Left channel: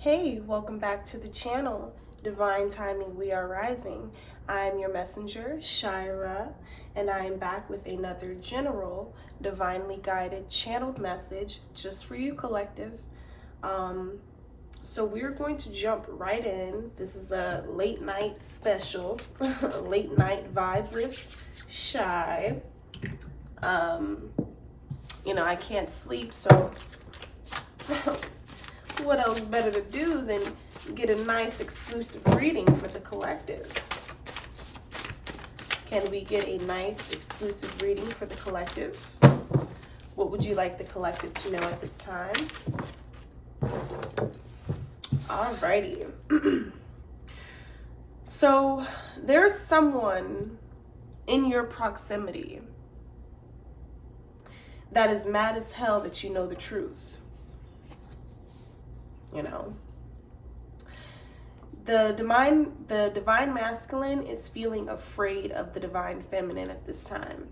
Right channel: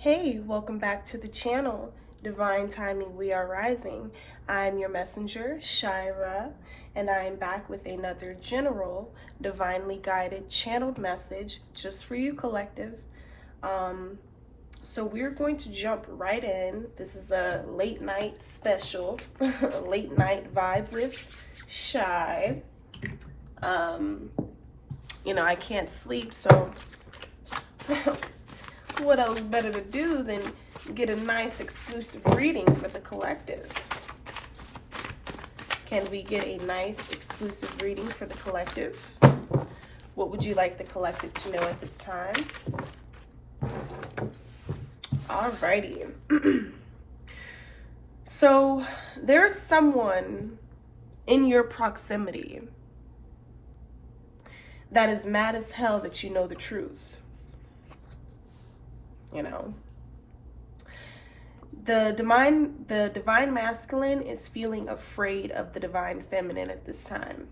Hey, welcome back to the channel. Divine Timing, We Are Rising. I'm your messenger, Shira, and I am back with another general, divinely guided, channeled message just for you, collective. So we're going to jump right in. This is a late night special, late night vibe with Shy. I can't sleep, so what else better to do than get a nice exclusive reading for the collective? Can we get a nice exclusive reading for the collective? What would you like the collective to know at this time? Alrighty. So there's someone in your proximity that is mad as hell that you know the truth. The divine masculine is feeling afraid of the divine feminine at this time.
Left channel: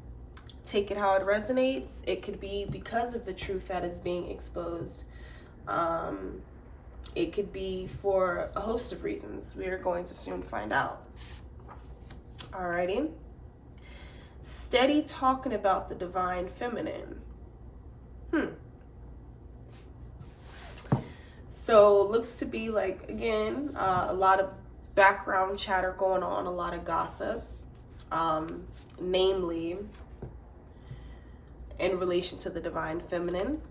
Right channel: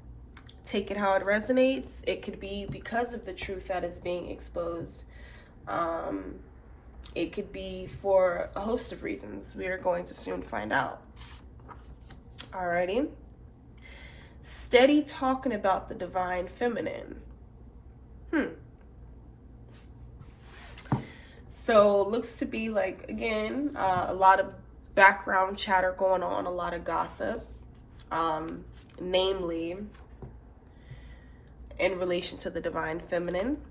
Take it how it resonates. It could be because of the truth that is being exposed. It could be for a host of reasons. We are going to soon find out. Alrighty. Steady talking about the divine feminine. So looks to be like, again, a lot of background chatter going on, a lot of gossip, namely in relation to the divine feminine.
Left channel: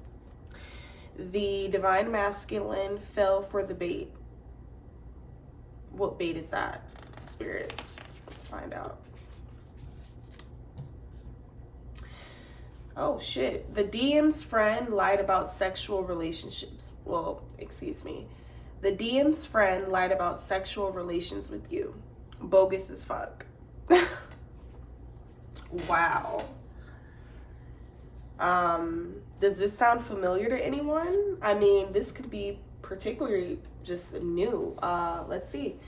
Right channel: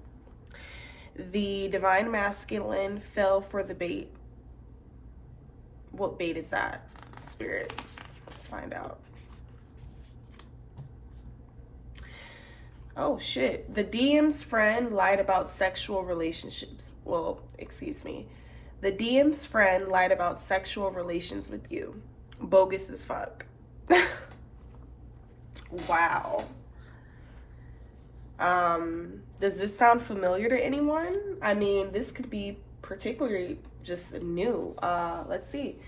The divine masculine fell for the bait. What bait is that, Spirit? Let's find out. Oh shit. The DM's friend lied about sexual relationships. Well, excuse me. The DM's friend lied about sexual relations with you. Bogus as fuck. Wow. Does this sound familiar to anyone? I mean, this could be particularly just new. Let's see.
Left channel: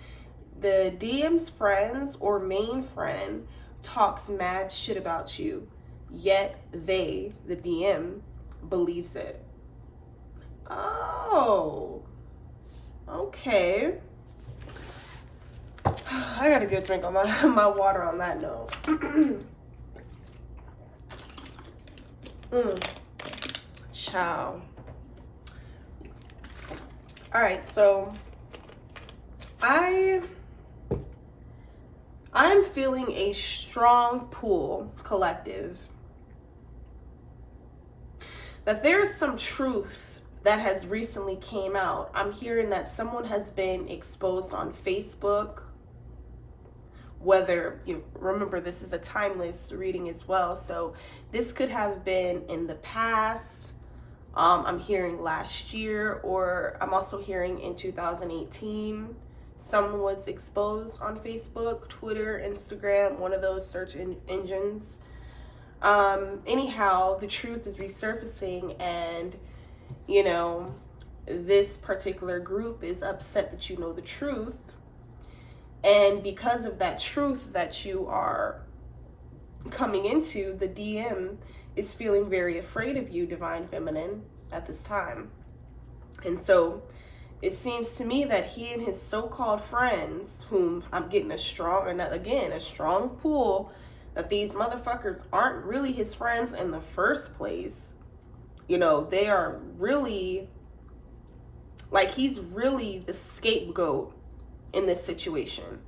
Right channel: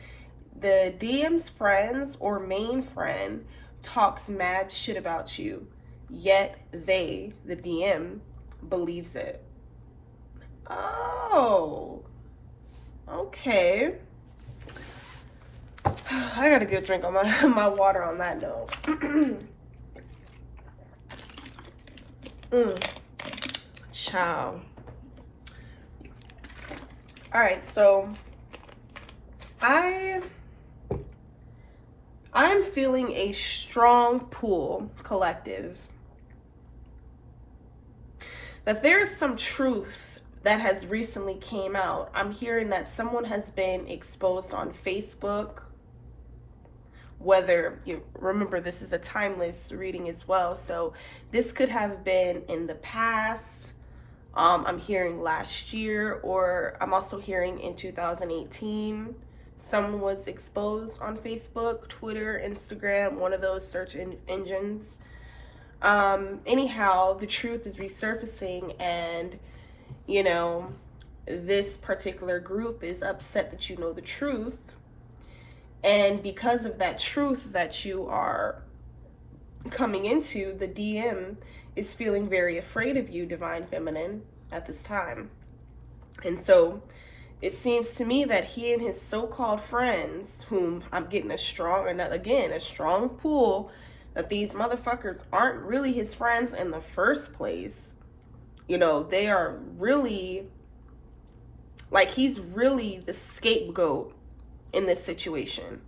The DM's friends or main friend talks mad shit about you. Yet they, the DM, believes it. Oh, okay. I gotta get a drink on my water on that note. Ciao. All right, so I'm feeling a strong pull, collective, that there's some truth that has recently came out. I'm hearing that someone has been exposed on Facebook. Whether you remember, this is a timeless reading as well, so this could have been in the past. I'm hearing last year, or I'm also hearing in 2018 someone was exposed on Facebook, Twitter, Instagram, one of those search engines. Anyhow, the truth is resurfacing, and this particular group is upset that you know the truth, and because of that truth that you are coming into, the DM is feeling very afraid of you, divine feminine, at this time. And so it seems to me that he and his so-called friends, whom I'm getting a strong pull, that these motherfuckers aren't really his friends in the first place. They are really, like, he's really the scapegoat in this situation.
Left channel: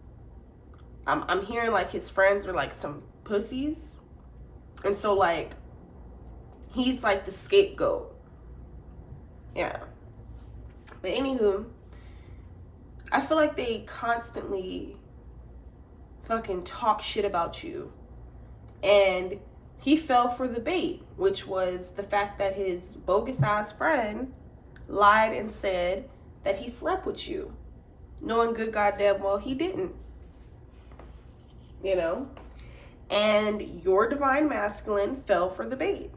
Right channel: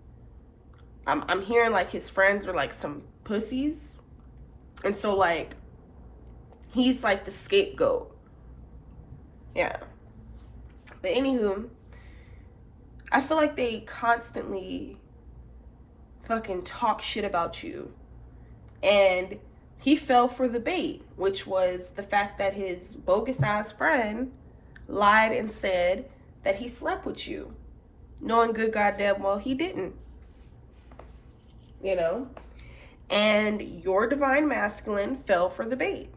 I'm hearing like his friends are like some pussies. And so like, he's like the scapegoat. Yeah. But anywho, I feel like they constantly fucking talk shit about you. And he fell for the bait, which was the fact that his bogus ass friend lied and said that he slept with you, knowing good goddamn well he didn't. And your divine masculine fell for the bait.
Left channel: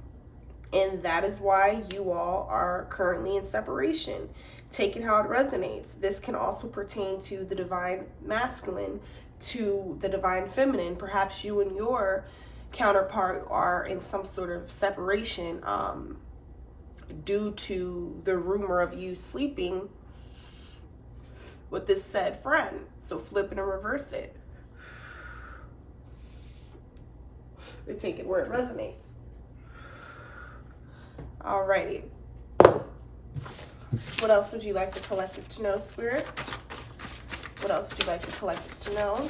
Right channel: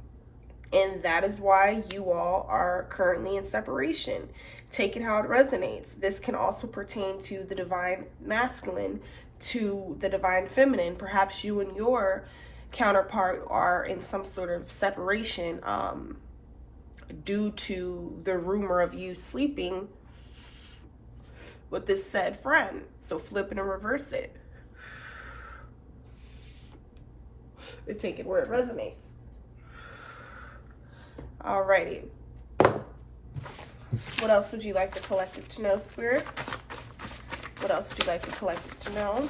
And that is why you all are currently in separation. Take it how it resonates. This can also pertain to the divine masculine, to the divine feminine. Perhaps you and your counterpart are in some sort of separation due to the rumor of you sleeping with this said friend. So flip it and reverse it. And take it where it resonates. Alrighty. What else would you like the collective to know, Spirit? What else would you like the collective to know?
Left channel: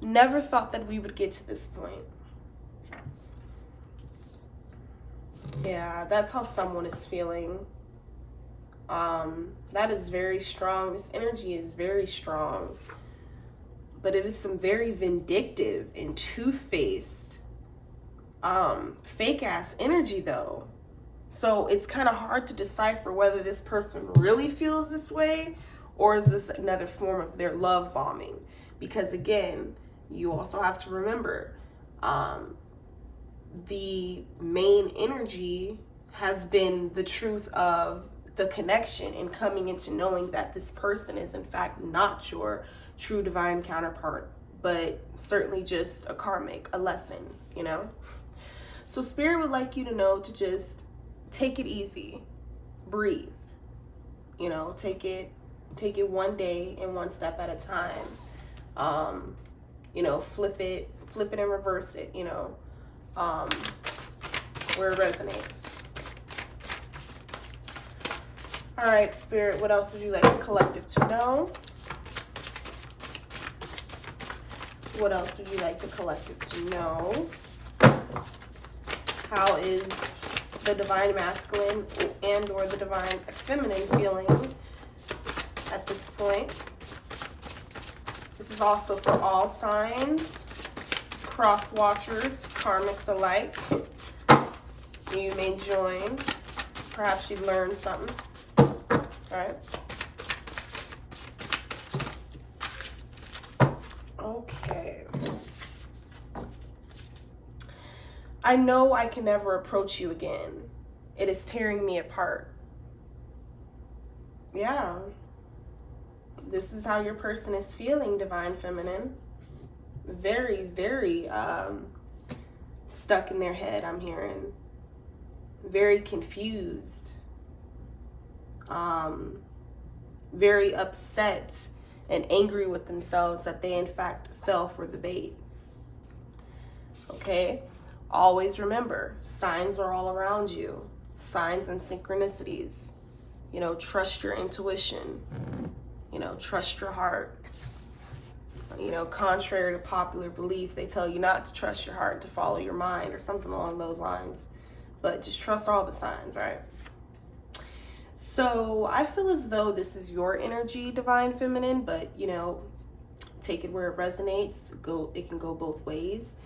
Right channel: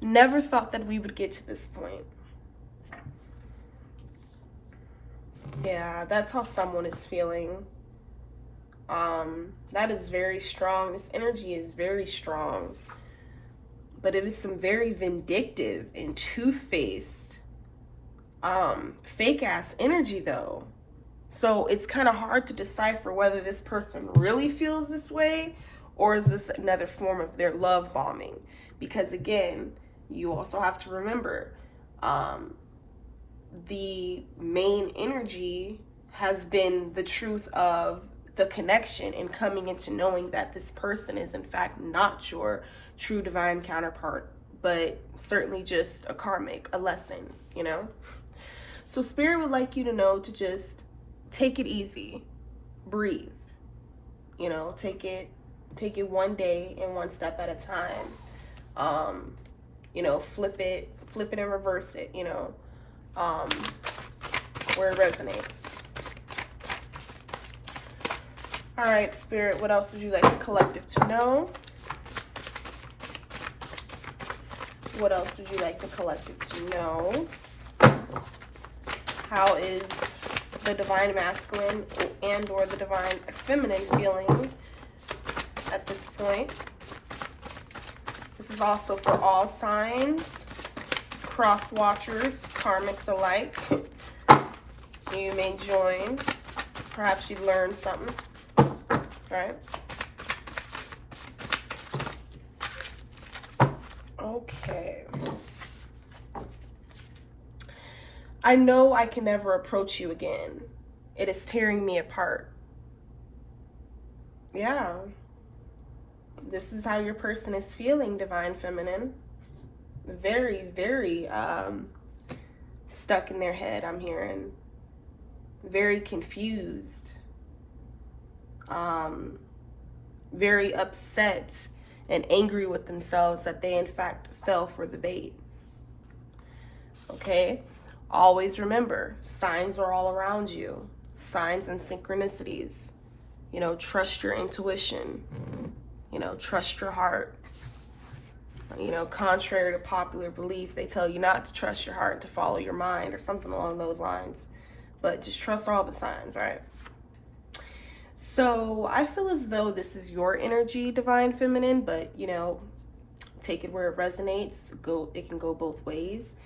Never thought that we would get to this point. Yeah, that's how someone is feeling. That is very strong. This energy is very strong. But it is some very vindictive and two-faced, fake-ass energy, though. So it's kind of hard to decipher whether this person really feels this way or is this another form of their love bombing. Because, again, you also have to remember, the main energy has been the truth of the connection and coming into knowing that this person is, in fact, not your true divine counterpart, but certainly just a karmic, a lesson, you know? So Spirit would like you to know to just take it easy, breathe, you know, take it one day and one step at a time. You know, flip it and reverse it, you know, where it resonates. All right, Spirit, what else would you like the collective to know? What else would you like the collective to know? How is the divine masculine and or the divine feminine feeling at this point? This is also for all signs, cross watchers, karmics alike. You may join. Perhaps you learned something. Right? Okay. I know I can never approach you again. It is tearing me apart. Yeah. This is how your person is feeling, divine feminine. Very, very stuck in their head, I'm hearing. Very confused. Very upset and angry with themselves that they in fact fell for the bait. Okay? Always remember, signs are all around you. Signs and synchronicities. You know, trust your intuition. You know, trust your heart. You know, contrary to popular belief, they tell you not to trust your heart, to follow your mind or something along those lines. But just trust all the signs, right? So I feel as though this is your energy, divine feminine, but, you know, take it where it resonates. It can go both ways.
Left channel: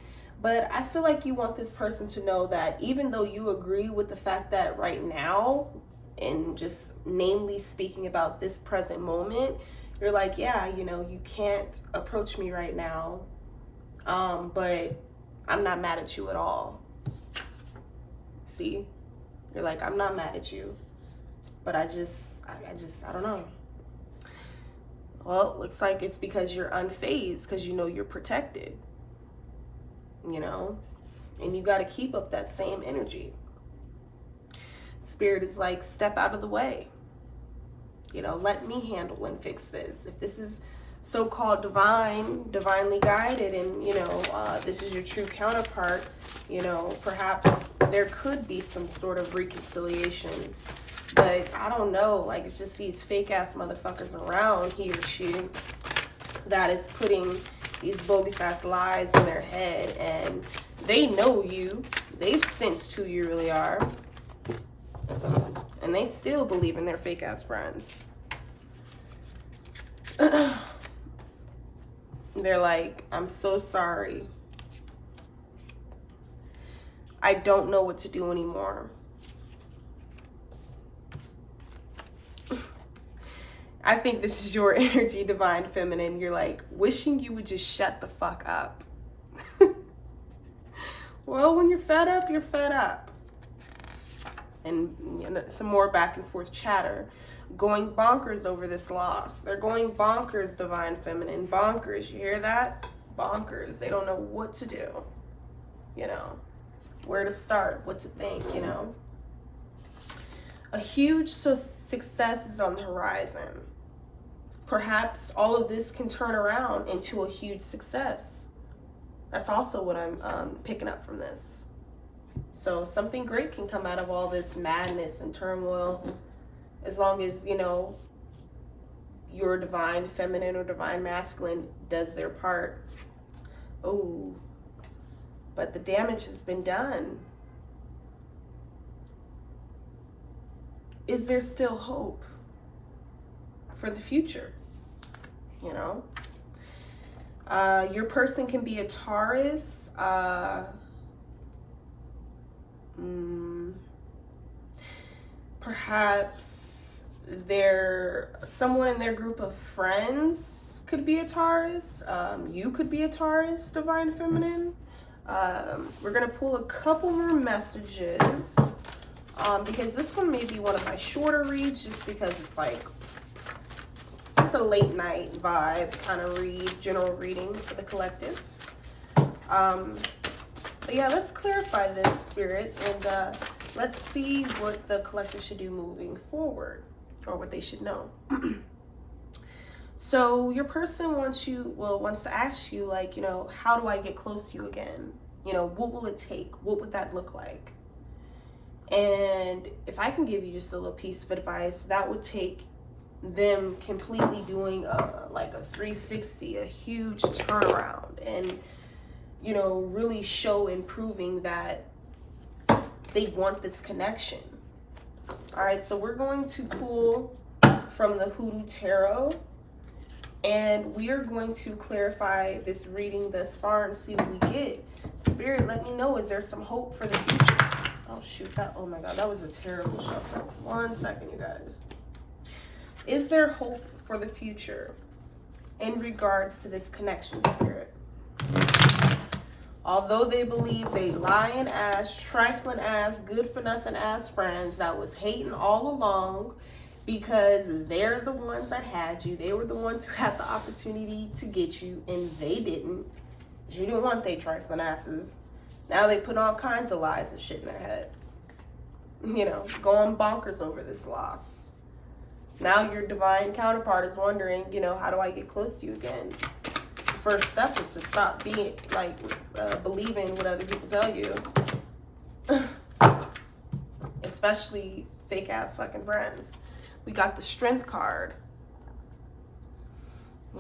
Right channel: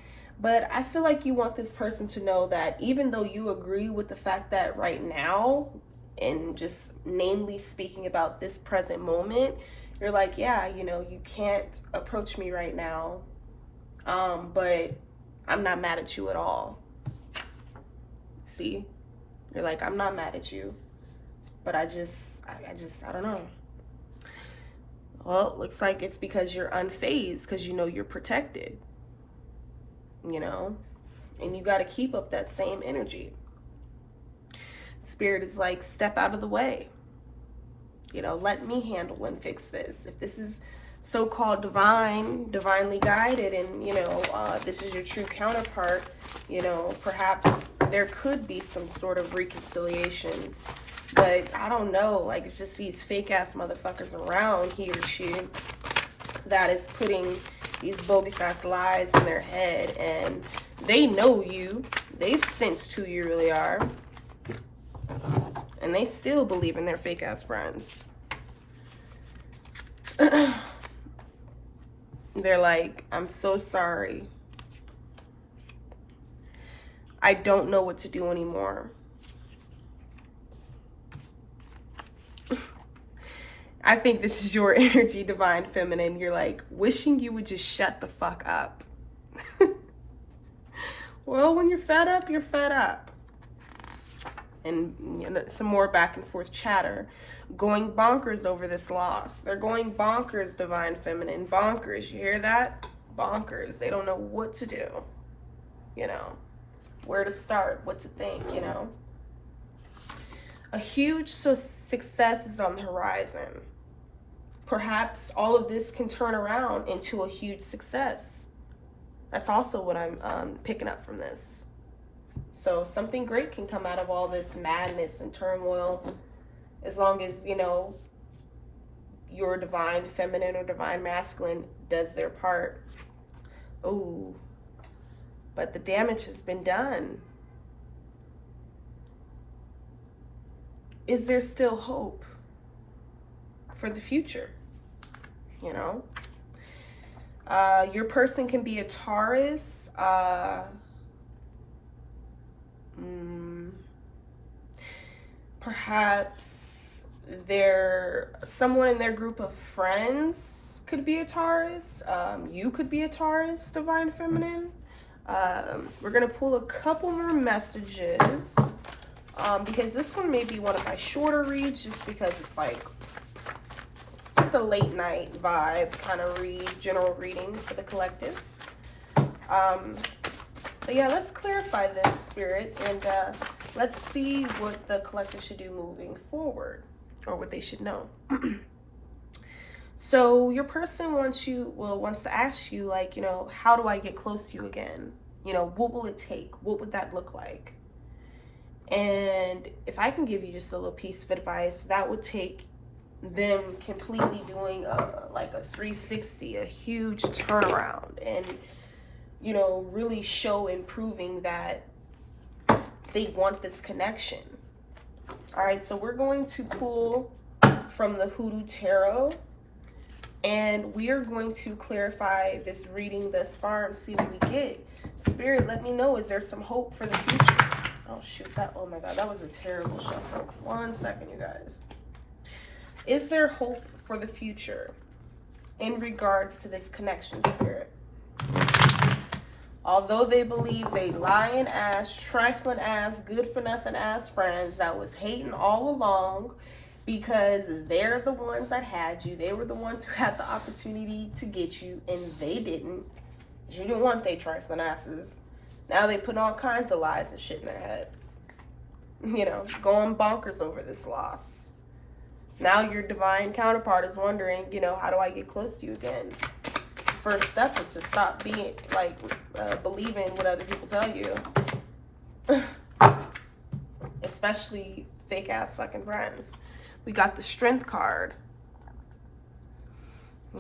But I feel like you want this person to know that even though you agree with the fact that right now, and just namely speaking about this present moment, you're like, yeah, you know, you can't approach me right now, but I'm not mad at you at all. See? You're like, I'm not mad at you, but I don't know. Well, it looks like it's because you're unfazed, because you know you're protected, you know, and you got to keep up that same energy. Spirit is like, step out of the way. You know, let me handle and fix this. If this is so-called divinely guided, and, you know, this is your true counterpart, you know, perhaps there could be some sort of reconciliation. But I don't know, like, it's just these fake-ass motherfuckers around, he or she, that is putting these bogus-ass lies in their head, and they know you. They've sensed who you really are. And they still believe in their fake-ass friends. They're like, I'm so sorry. I don't know what to do anymore. I think this is your energy, divine feminine. You're like, wishing you would just shut the fuck up. Well, when you're fed up, you're fed up. And, you know, some more back and forth chatter. Going bonkers over this loss. They're going bonkers, divine feminine. Bonkers. You hear that? Bonkers. They don't know what to do. You know, where to start, what to think, you know. A huge success is on the horizon. Perhaps all of this can turn around into a huge success. That's also what I'm picking up from this. So something great can come out of all this madness and turmoil, as long as, you know, your divine feminine or divine masculine does their part. Oh, but the damage has been done. Is there still hope for the future? You know, your person can be a Taurus. Perhaps someone in their group of friends could be a Taurus. You could be a Taurus, divine feminine. We're gonna pull a couple more messages because this one may be one of my shorter reads, just because it's like just a late night vibe kind of read, general reading for the collective. But yeah, let's clarify this, Spirit, and let's see what the collective should do moving forward, or what they should know. So your person wants to ask you, like, you know, how do I get close to you again? You know, what will it take? What would that look like? And if I can give you just a little piece of advice, that would take them completely doing like a 360, a huge turnaround, and, you know, really show and proving that they want this connection. All right, so we're going to pull from the Hoodoo Tarot, and we are going to clarify this reading thus far and see what we get. Spirit, let me know, is there some hope for the future? Oh shoot, oh my god, that was a terrible shuffle. 1 second, you guys. Is there hope for the future in regards to this connection, Spirit? Although they believe they lying ass, trifling ass, good for nothing ass friends that was hating all along because they're the ones that had you. They were the ones who had the opportunity to get you, and they didn't. You didn't want they trifling asses. Now they put all kinds of lies and shit in their head. You know, going bonkers over this loss. Now your divine counterpart is wondering, you know, how do I get close to you again? First step is to stop being like believing what other people tell you, especially fake ass fucking friends. We got the Strength card.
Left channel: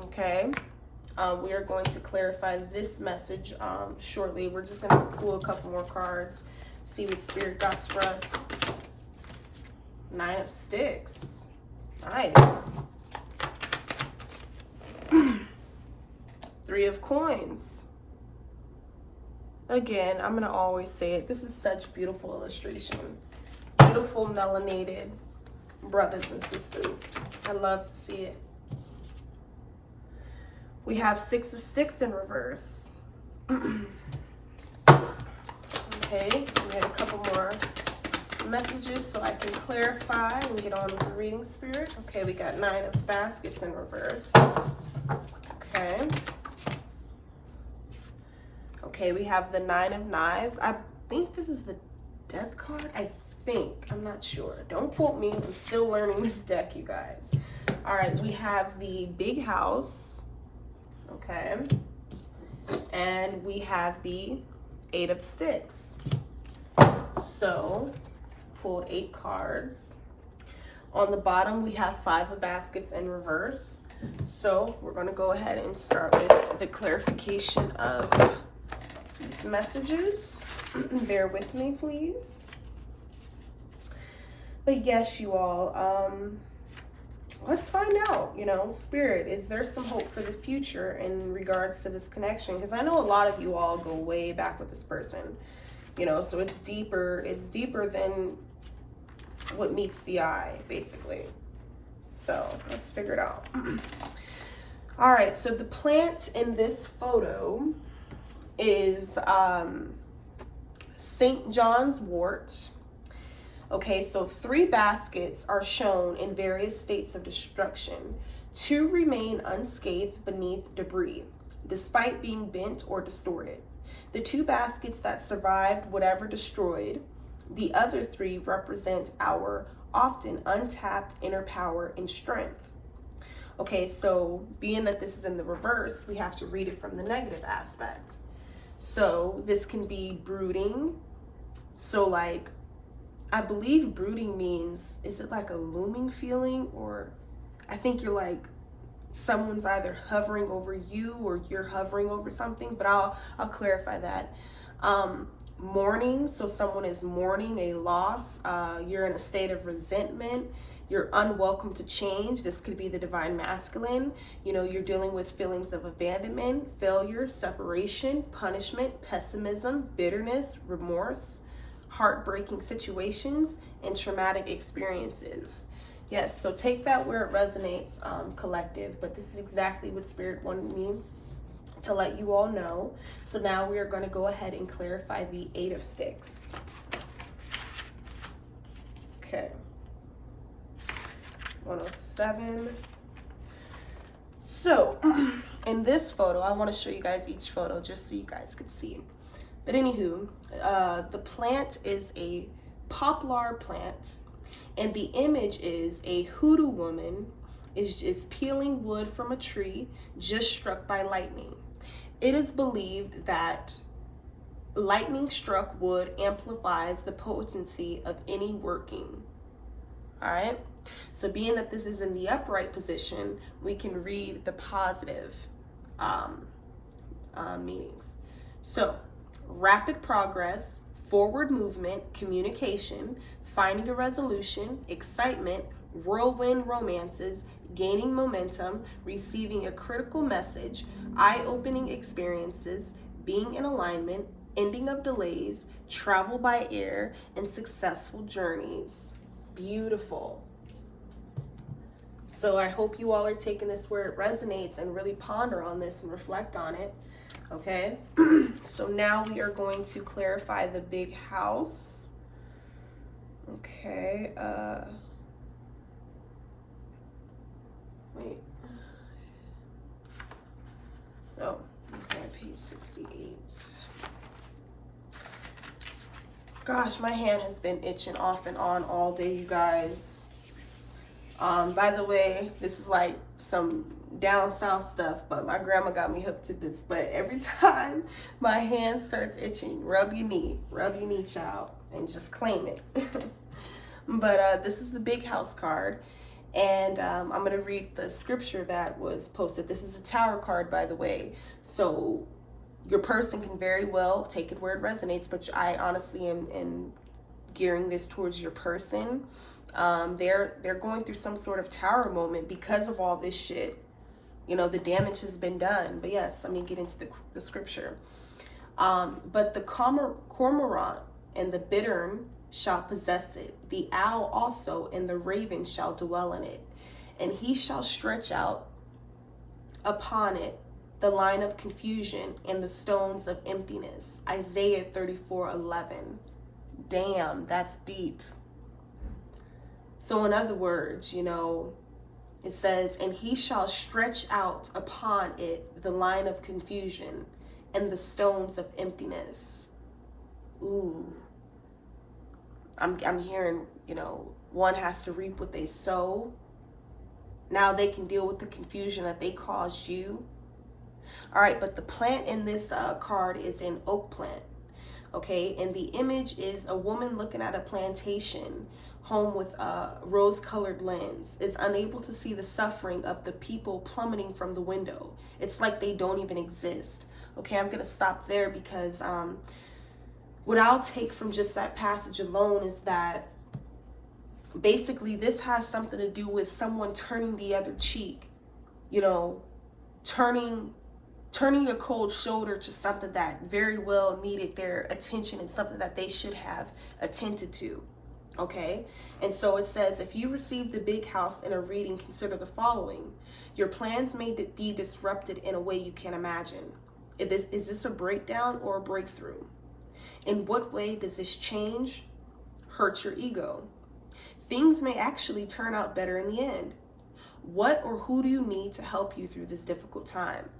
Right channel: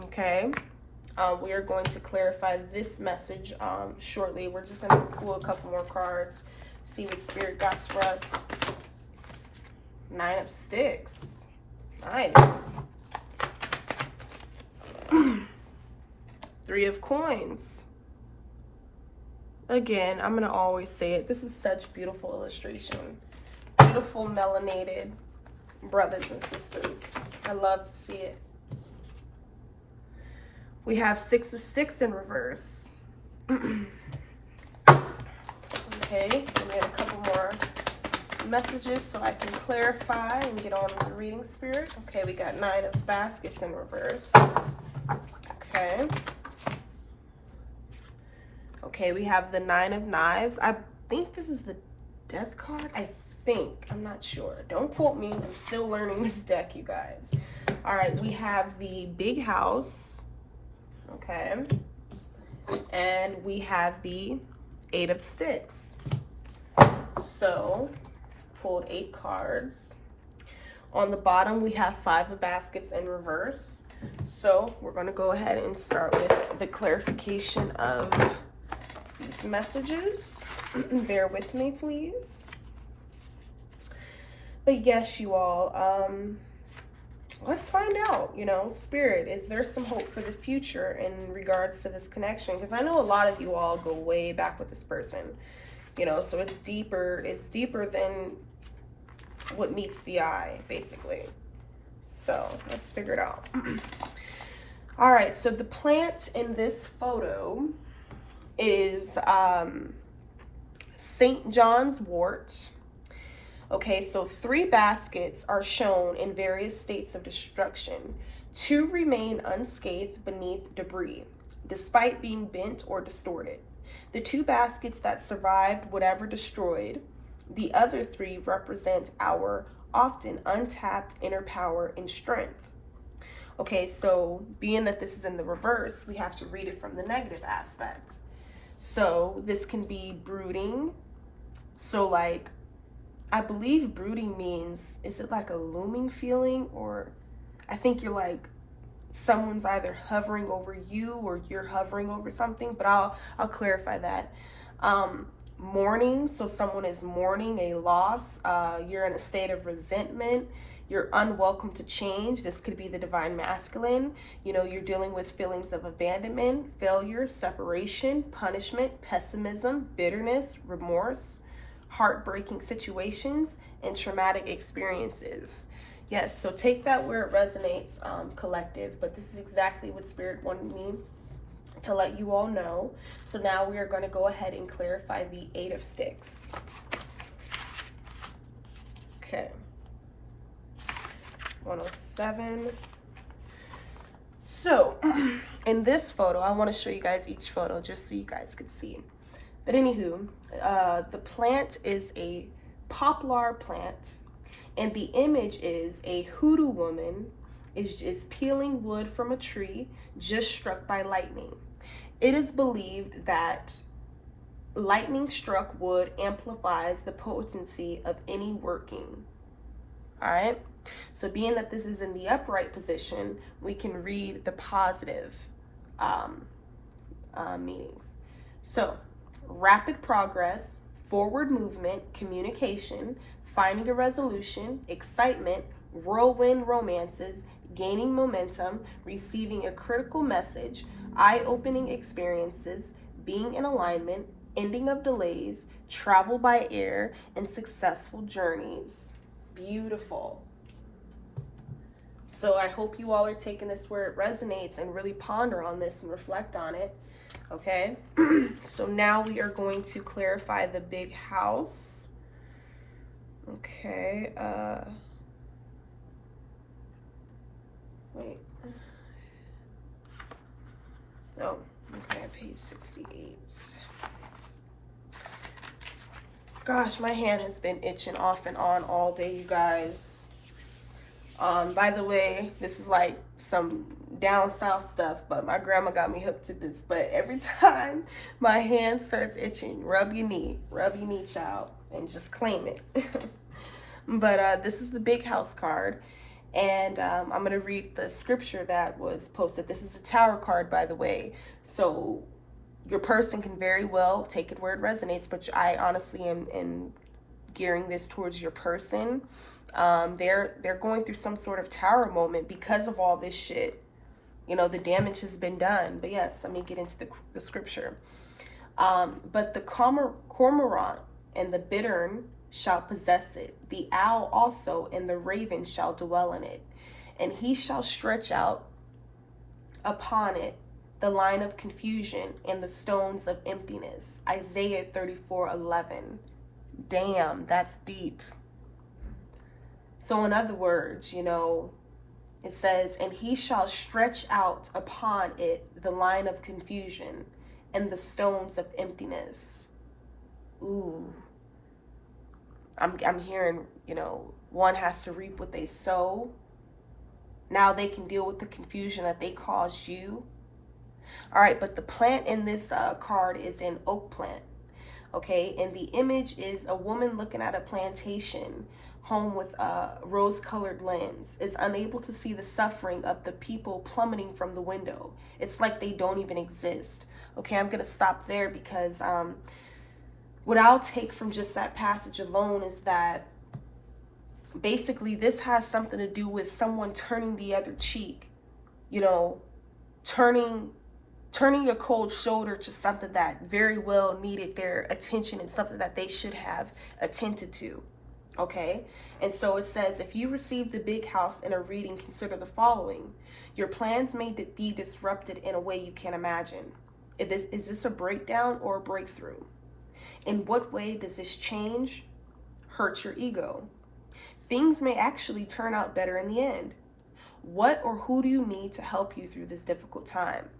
Okay, we are going to clarify this message shortly. We're just going to pull a couple more cards, see what Spirit got for us. 9 of Sticks. Nice. 3 of Coins. Again, I'm gonna always say it. This is such beautiful illustration. Beautiful melanated brothers and sisters. I love to see it. We have 6 of Sticks in reverse. Okay, we get a couple more messages so I can clarify and get on with the reading, Spirit. Okay, we got 9 of Baskets in reverse. Okay. Okay, we have the 9 of Knives. I think this is the Death card. I think. I'm not sure. Don't quote me. I'm still learning this deck, you guys. All right, we have the Big House. Okay. And we have the 8 of Sticks. So, pulled 8 cards. On the bottom, we have 5 of Baskets in reverse. So, we're going to go ahead and start with the clarification of these messages. Bear with me, please. But yes, you all, let's find out, you know, Spirit, is there some hope for the future in regards to this connection? Because I know a lot of you all go way back with this person, you know, so it's deeper than what meets the eye, basically. So let's figure it out. All right, so the plant in this photo is St. John's wort. Okay, so 3 baskets are shown in various states of destruction. 2 remain unscathed beneath debris, despite being bent or distorted. The 2 baskets that survived whatever destroyed, the other 3 represent our often untapped inner power and strength. Okay, so being that this is in the reverse, we have to read it from the negative aspect. So this can be brooding. So like, I believe brooding means, is it like a looming feeling, or I think you're like, someone's either hovering over you or you're hovering over something, but I'll clarify that. Mourning, so someone is mourning a loss. You're in a state of resentment. You're unwelcome to change. This could be the divine masculine. You know, you're dealing with feelings of abandonment, failure, separation, punishment, pessimism, bitterness, remorse, heartbreaking situations, and traumatic experiences. Yes, so take that where it resonates, collective, but this is exactly what Spirit wanted me to let you all know. So now we are going to go ahead and clarify the Eight of Sticks. Okay. 107. So in this photo, I want to show you guys each photo just so you guys could see. But anywho, the plant is a poplar plant, and the image is a hoodoo woman is peeling wood from a tree just struck by lightning. It is believed that lightning struck wood amplifies the potency of any working. All right. So being that this is in the upright position, we can read the positive meanings. So rapid progress, forward movement, communication, finding a resolution, excitement, whirlwind romances, gaining momentum, receiving a critical message, eye-opening experiences, being in alignment, ending of delays, travel by air, and successful journeys. Beautiful. So I hope you all are taking this where it resonates and really ponder on this and reflect on it. Okay, so now we are going to clarify the big house. Okay, wait. Oh, okay, page 68. Gosh, my hand has been itching off and on all day, you guys. By the way, this is like some down south stuff, but my grandma got me hooked to this. But every time my hand starts itching, rub your knee, child, and just claim it. But this is the big house card, and I'm going to read the scripture that was posted. This is a tower card, by the way, so your person can very well take it where it resonates, but I honestly am gearing this towards your person. They're going through some sort of tower moment because of all this shit. You know, the damage has been done. But yes, let me get into the scripture. But the cormorant and the bittern shall possess it. The owl also and the raven shall dwell in it. And he shall stretch out upon it the line of confusion and the stones of emptiness. Isaiah 34:11. Damn, that's deep. So in other words, you know, it says, and he shall stretch out upon it the line of confusion and the stones of emptiness. Ooh. I'm hearing, you know, one has to reap what they sow. Now they can deal with the confusion that they caused you. All right, but the plant in this card is an oak plant. Okay, and the image is a woman looking at a plantation home with a rose-colored lens, is unable to see the suffering of the people plummeting from the window. It's like they don't even exist. Okay, I'm gonna stop there because what I'll take from just that passage alone is that basically this has something to do with someone turning the other cheek, you know, turning a cold shoulder to something that very well needed their attention and something that they should have attended to. Okay, and so it says, if you receive the big house in a reading, consider the following. Your plans may be disrupted in a way you can't imagine. Is this a breakdown or a breakthrough? In what way does this change, hurt your ego? Things may actually turn out better in the end. What or who do you need to help you through this difficult time?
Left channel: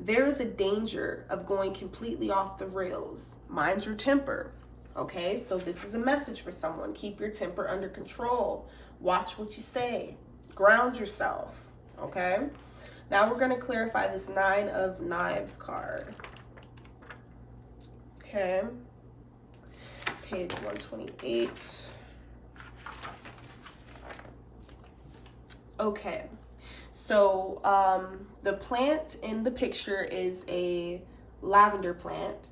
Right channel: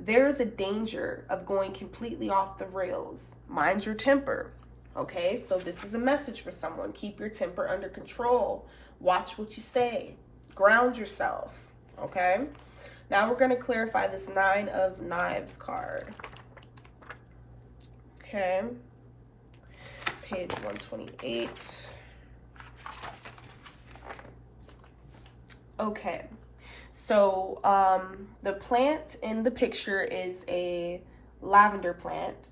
There is a danger of going completely off the rails. Mind your temper. Okay, so this is a message for someone. Keep your temper under control. Watch what you say. Ground yourself. Okay, now we're going to clarify this Nine of Knives card. Okay, page 128. Okay, so the plant in the picture is a lavender plant.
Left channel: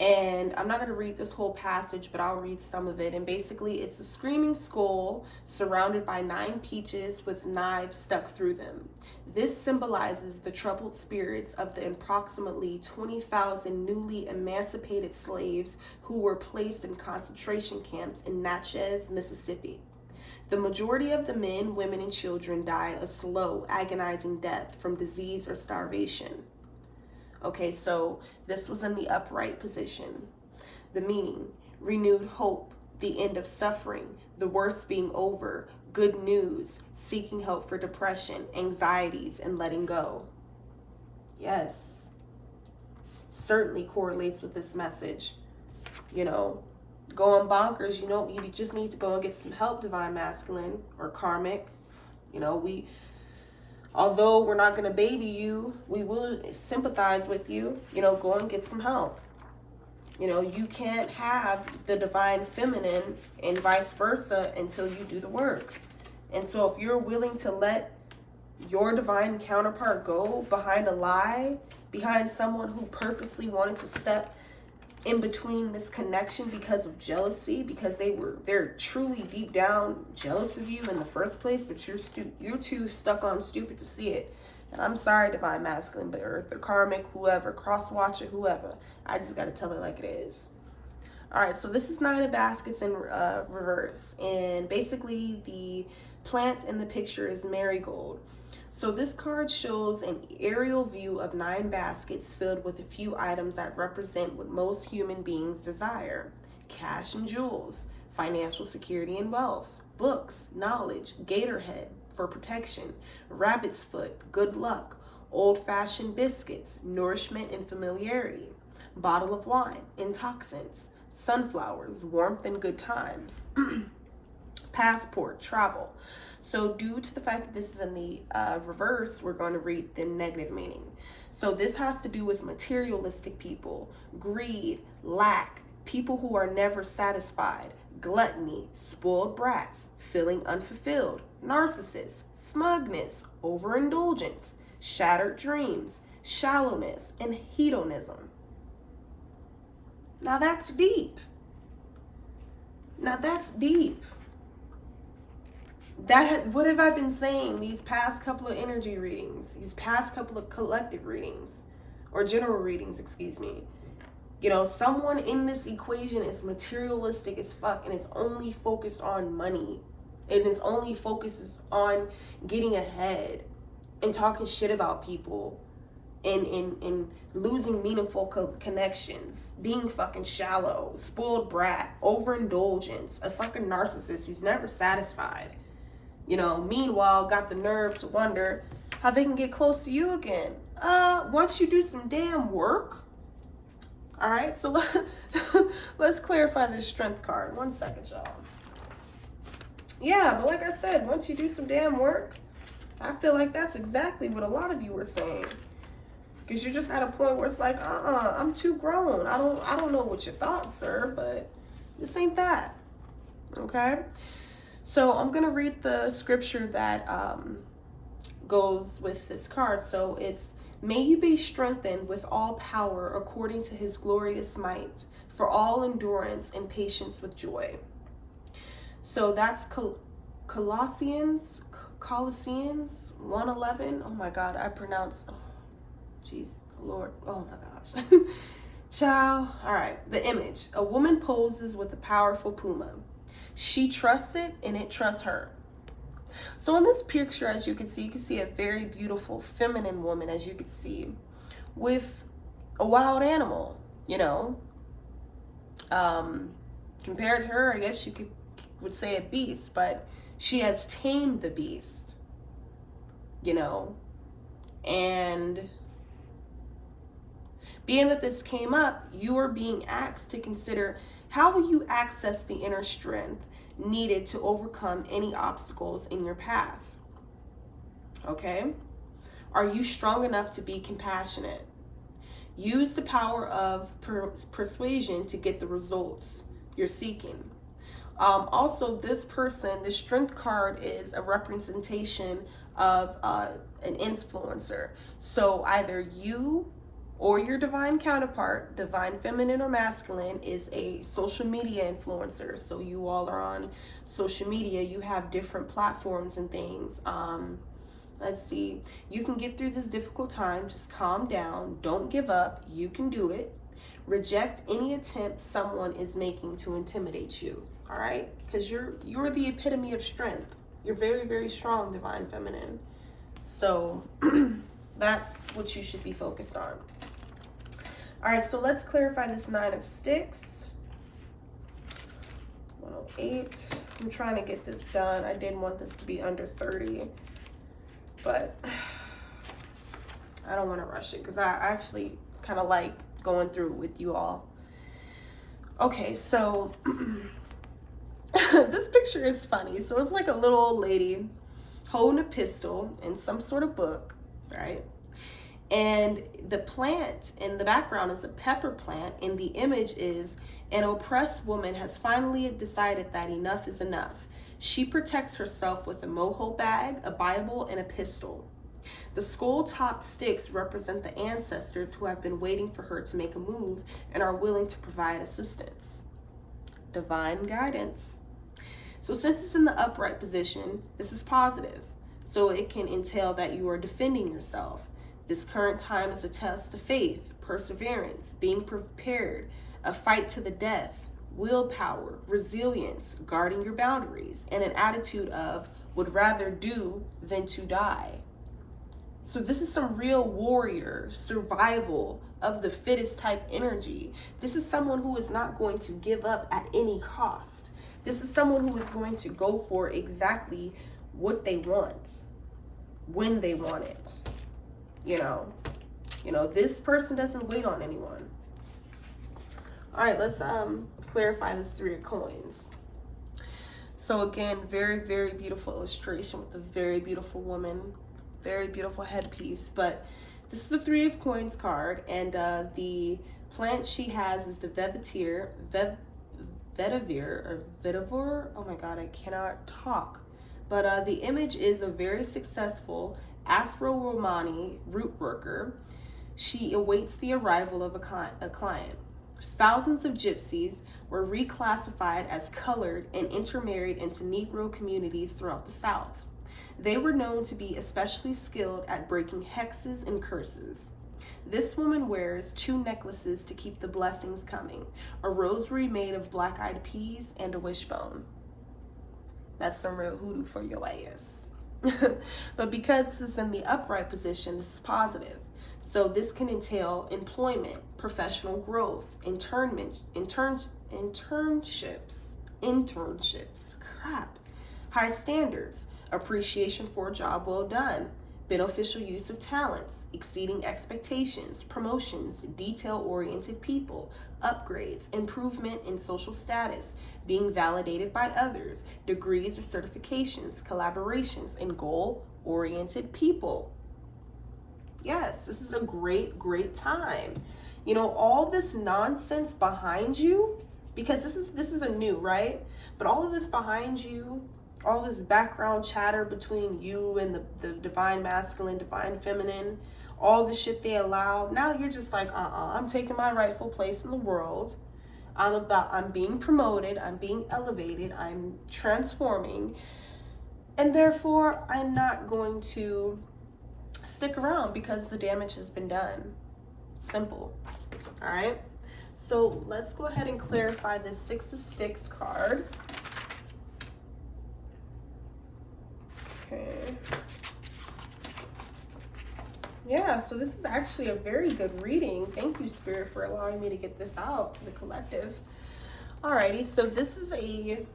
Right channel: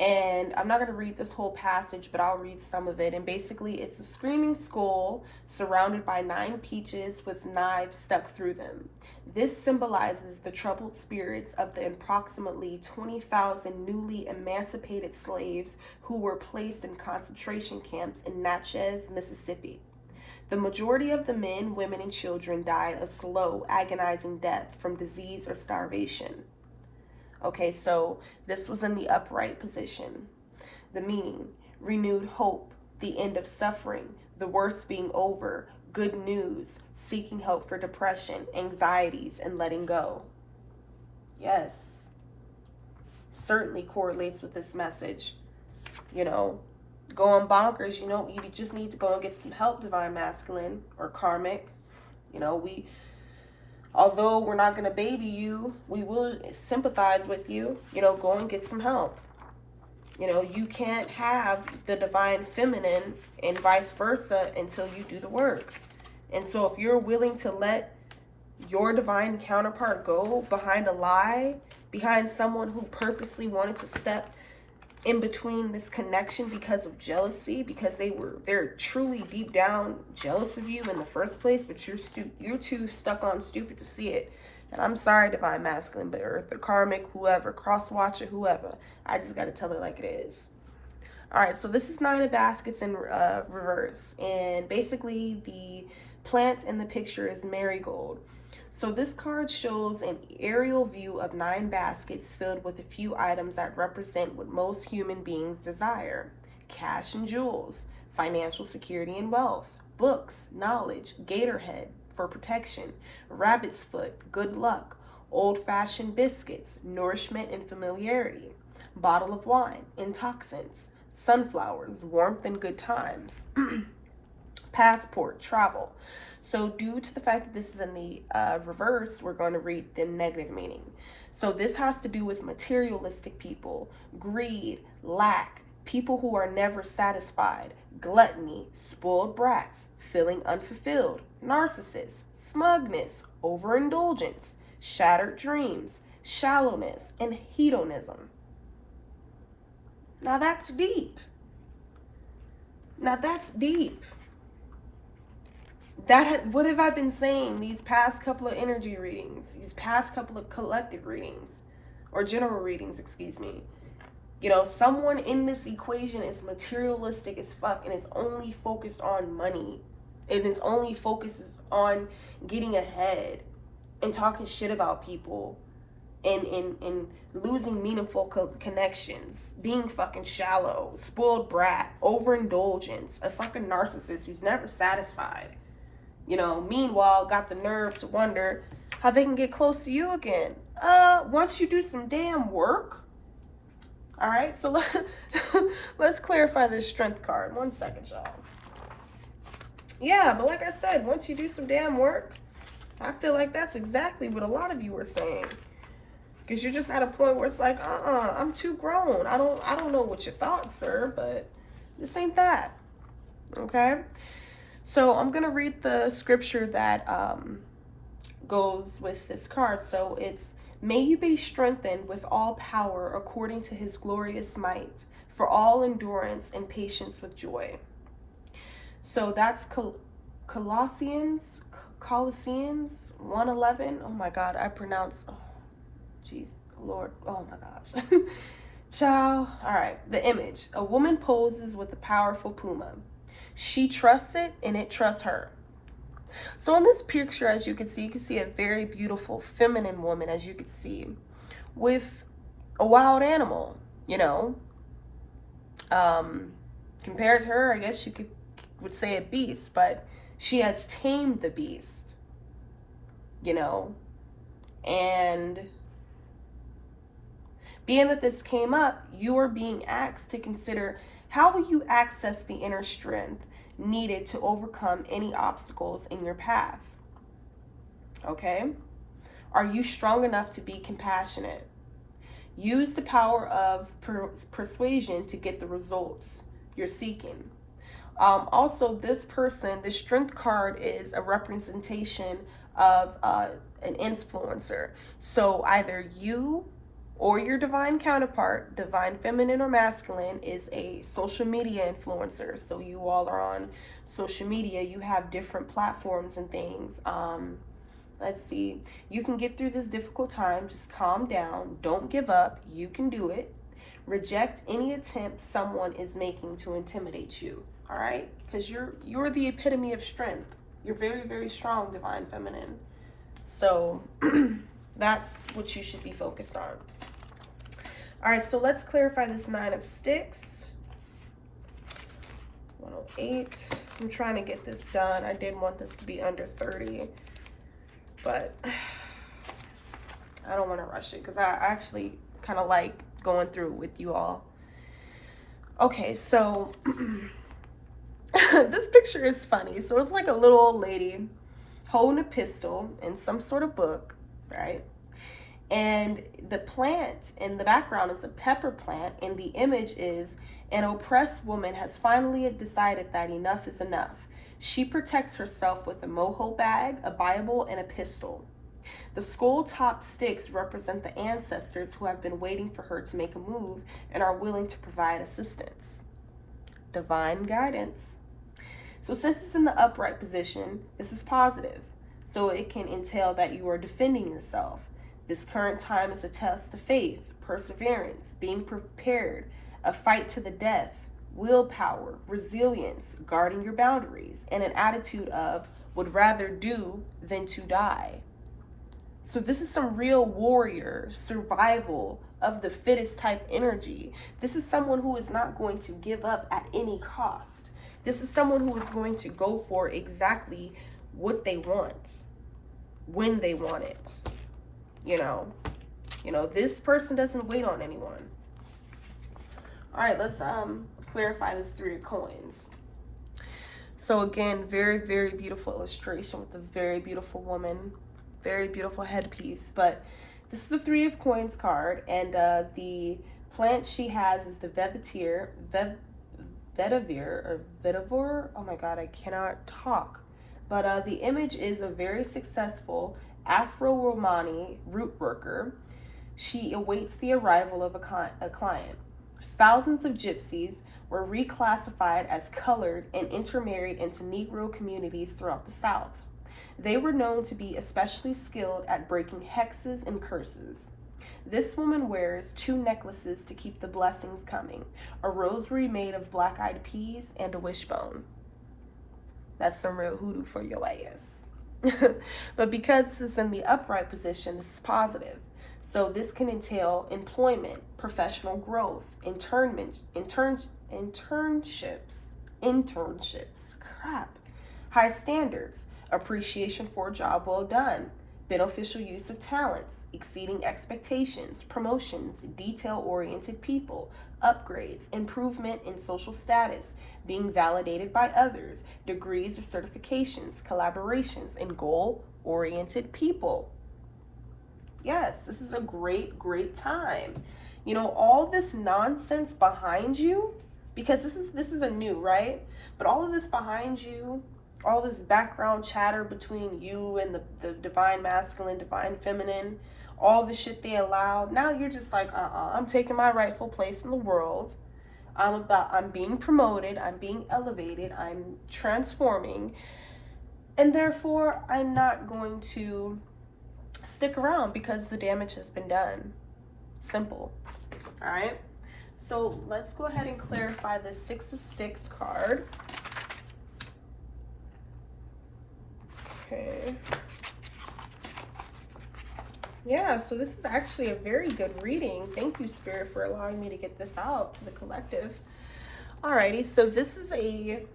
And I'm not going to read this whole passage, but I'll read some of it. And basically, it's a screaming skull surrounded by 9 peaches with knives stuck through them. This symbolizes the troubled spirits of the approximately 20,000 newly emancipated slaves who were placed in concentration camps in Natchez, Mississippi. The majority of the men, women, and children died a slow, agonizing death from disease or starvation. Okay, so this was in the upright position. The meaning: renewed hope, the end of suffering, the worst being over, good news, seeking help for depression, anxieties, and letting go. Yes, certainly correlates with this message. You know, going bonkers, you just need to go and get some help, Divine Masculine or Karmic. Although we're not going to baby you, we will sympathize with you. Go and get some help. You can't have the divine feminine and vice versa until you do the work. And so if you're willing to let your divine counterpart go behind a lie, behind someone who purposely wanted to step in between this connection because of jealousy, because they're truly deep down jealous of you in the first place, but you're too stuck on stupid to see it. And I'm sorry, Divine Masculine, but Earth or Karmic, whoever, cross watcher, whoever, I just got to tell it like it is. All right, so this is 9 of Baskets in reverse, and basically the plant in the picture is marigold. So this card shows an aerial view of 9 baskets filled with a few items that represent what most human beings desire: cash and jewels, financial security and wealth, books, knowledge, gator head for protection, rabbit's foot, good luck, old-fashioned biscuits, nourishment and familiarity, bottle of wine, intoxicants, sunflowers, warmth and good times, passport, travel. So due to the fact that this is in the reverse, we're going to read the negative meaning. So this has to do with materialistic people, greed, lack, people who are never satisfied, gluttony, spoiled brats, feeling unfulfilled, narcissists, smugness, overindulgence, shattered dreams, shallowness, and hedonism. Now that's deep. What have I been saying these past couple of energy readings, these past couple of collective readings, or general readings, excuse me? Someone in this equation is materialistic as fuck and is only focused on money. And is only focuses on getting ahead and talking shit about people and losing meaningful connections, being fucking shallow, spoiled brat, overindulgence, a fucking narcissist who's never satisfied. Meanwhile, got the nerve to wonder how they can get close to you again. Once you do some damn work. All right, so let's clarify this strength card. 1 second, y'all. Yeah, but like I said, once you do some damn work, I feel like that's exactly what a lot of you were saying. Because you're just at a point where it's like, I'm too grown. I don't know what you thought, sir, but this ain't that. Okay? So I'm going to read the scripture that goes with this card. So it's, may you be strengthened with all power according to his glorious might, for all endurance and patience with joy. So that's Colossians 1:11. Oh my God, I pronounce, jeez, Lord, oh my gosh. Ciao. All right, the image. A woman poses with a powerful puma. She trusts it and it trusts her. So in this picture, as you can see a very beautiful feminine woman, as you can see, with a wild animal, Compared to her, I guess you would say a beast, but she has tamed the beast, and being that this came up, you are being asked to consider How will you access the inner strength needed to overcome any obstacles in your path? Okay? Are you strong enough to be compassionate? Use the power of persuasion to get the results you're seeking. Also, this person, the strength card is a representation of an influencer. So either you or your divine counterpart, divine feminine or masculine, is a social media influencer. So you all are on social media, you have different platforms and things. Let's see, you can get through this difficult time. Just calm down, don't give up, you can do it. Reject any attempt someone is making to intimidate you. All right, because you're the epitome of strength. You're very, very strong, divine feminine. So that's what you should be focused on. All right, so let's clarify this 9 of Sticks. 108. I'm trying to get this done. I didn't want this to be under 30, but I don't want to rush it because I actually kind of like going through it with you all. Okay, so this picture is funny. So it's like a little old lady holding a pistol and some sort of book, right? And the plant in the background is a pepper plant, and the image is an oppressed woman has finally decided that enough is enough. She protects herself with a mojo bag, a Bible, and a pistol. The skull-top sticks represent the ancestors who have been waiting for her to make a move and are willing to provide assistance. Divine guidance. So since it's in the upright position, this is positive. So it can entail that you are defending yourself. This current time is a test of faith, perseverance, being prepared, a fight to the death, willpower, resilience, guarding your boundaries, and an attitude of would rather do than to die. So this is some real warrior, survival of the fittest type energy. This is someone who is not going to give up at any cost. This is someone who is going to go for exactly what they want, when they want it. You know, this person doesn't wait on anyone. All right, let's clarify this 3 of coins. So again, very, very beautiful illustration with a very beautiful woman, very beautiful headpiece. But this is the 3 of coins card, and the plant she has is the vetiver. Oh my God, I cannot talk. But the image is a very successful Afro-Romani root worker. She awaits the arrival of a client. Thousands of gypsies were reclassified as colored and intermarried into Negro communities throughout the South. They were known to be especially skilled at breaking hexes and curses. This woman wears 2 necklaces to keep the blessings coming, a rosary made of black-eyed peas and a wishbone. That's some real hoodoo for your ass. But because this is in the upright position, this is positive. So this can entail employment, professional growth, internships, high standards, appreciation for a job well done, beneficial use of talents, exceeding expectations, promotions, detail-oriented people, upgrades, improvement in social status, being validated by others, degrees or certifications, collaborations, and goal-oriented people. Yes, this is a great, great time. You know, all this nonsense behind you, because this is a new, right? But all of this behind you, all this background chatter between you and the divine masculine, divine feminine, all the shit they allowed. Now you're just like, I'm taking my rightful place in the world. I'm being promoted, I'm being elevated, I'm transforming, and therefore I'm not going to stick around because the damage has been done. Simple. All right, so let's go ahead and clarify the 6 of Sticks card. Okay. Yeah, so this is actually a very good reading. Thank you, Spirit, for allowing me to get this out to the collective. Alrighty, so this is a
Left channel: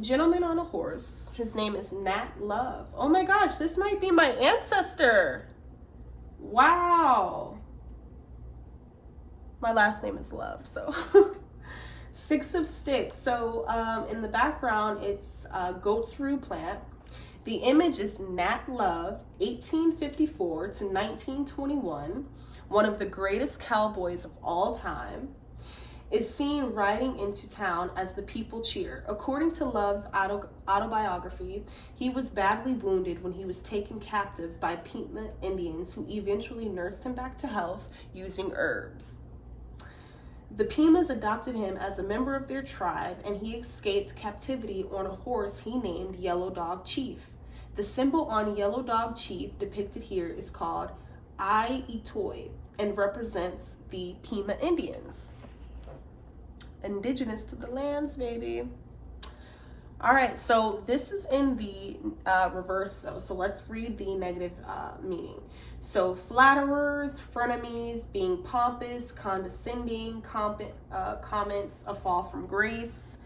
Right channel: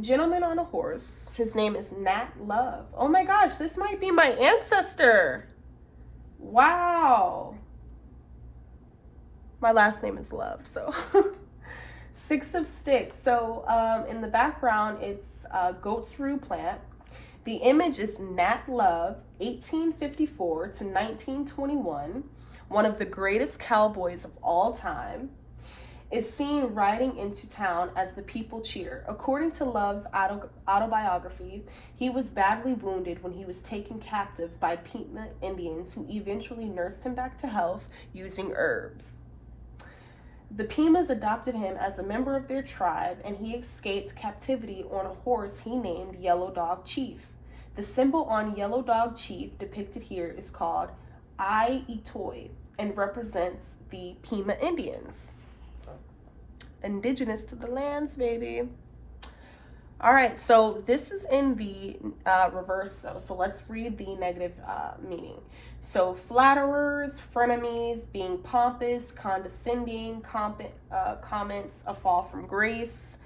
gentleman on a horse. His name is Nat Love. Oh my gosh, this might be my ancestor. Wow. My last name is Love, so. Six of Sticks. So in the background, it's goat's rue plant. The image is Nat Love, 1854 to 1921, one of the greatest cowboys of all time, is seen riding into town as the people cheer. According to Love's autobiography, he was badly wounded when he was taken captive by Pima Indians who eventually nursed him back to health using herbs. The Pimas adopted him as a member of their tribe, and he escaped captivity on a horse he named Yellow Dog Chief. The symbol on Yellow Dog Chief depicted here is called I Itoi and represents the Pima Indians. Indigenous to the lands, baby. All right, so this is in the reverse, though. So let's read the negative meaning. So flatterers, frenemies, being pompous, condescending, comments, a fall from grace,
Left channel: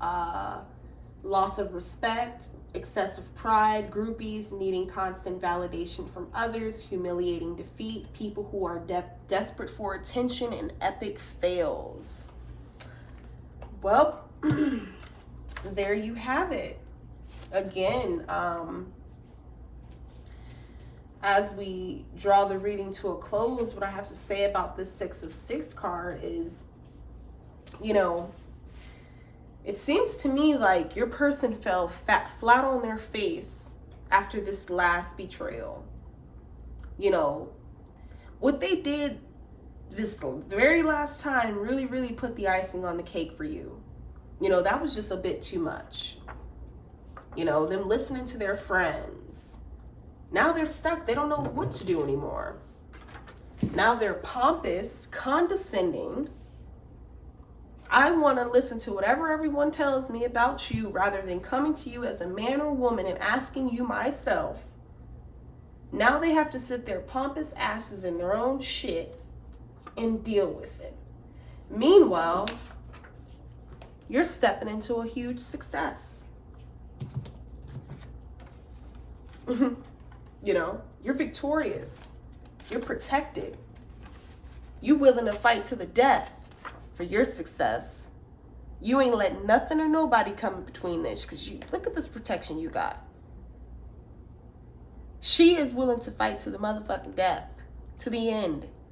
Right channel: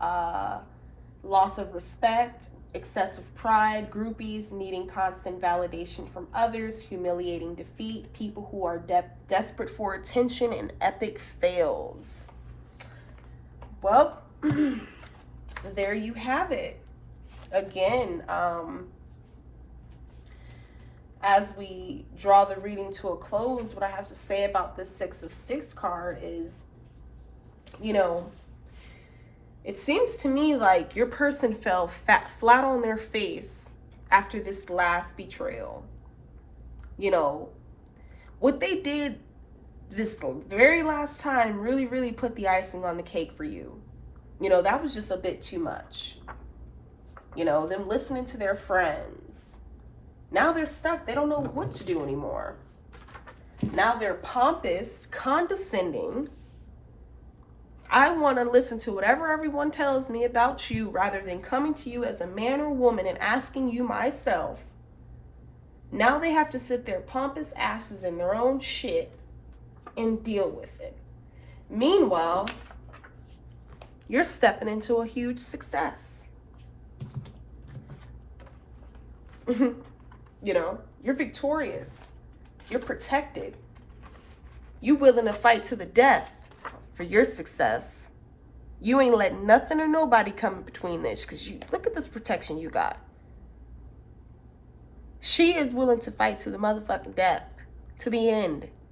loss of respect, excessive pride, groupies, needing constant validation from others, humiliating defeat, people who are desperate for attention, and epic fails. Well, there you have it. Again, as we draw the reading to a close, what I have to say about this Six of Sticks card is, you know, it seems to me like your person fell flat on their face after this last betrayal. You know, what they did this very last time really, really put the icing on the cake for you. You know, that was just a bit too much. You know, them listening to their friends. Now they're stuck. They don't know what to do anymore. Now they're pompous, condescending. I want to listen to whatever everyone tells me about you rather than coming to you as a man or woman and asking you myself. Now they have to sit their pompous asses in their own shit and deal with it. Meanwhile, you're stepping into a huge success. You know, you're victorious. You're protected. You willing to fight to the death for your success. You ain't letting nothing or nobody come between this, because you look at this protection you got. She is willing to fight to the motherfucking death, to the end.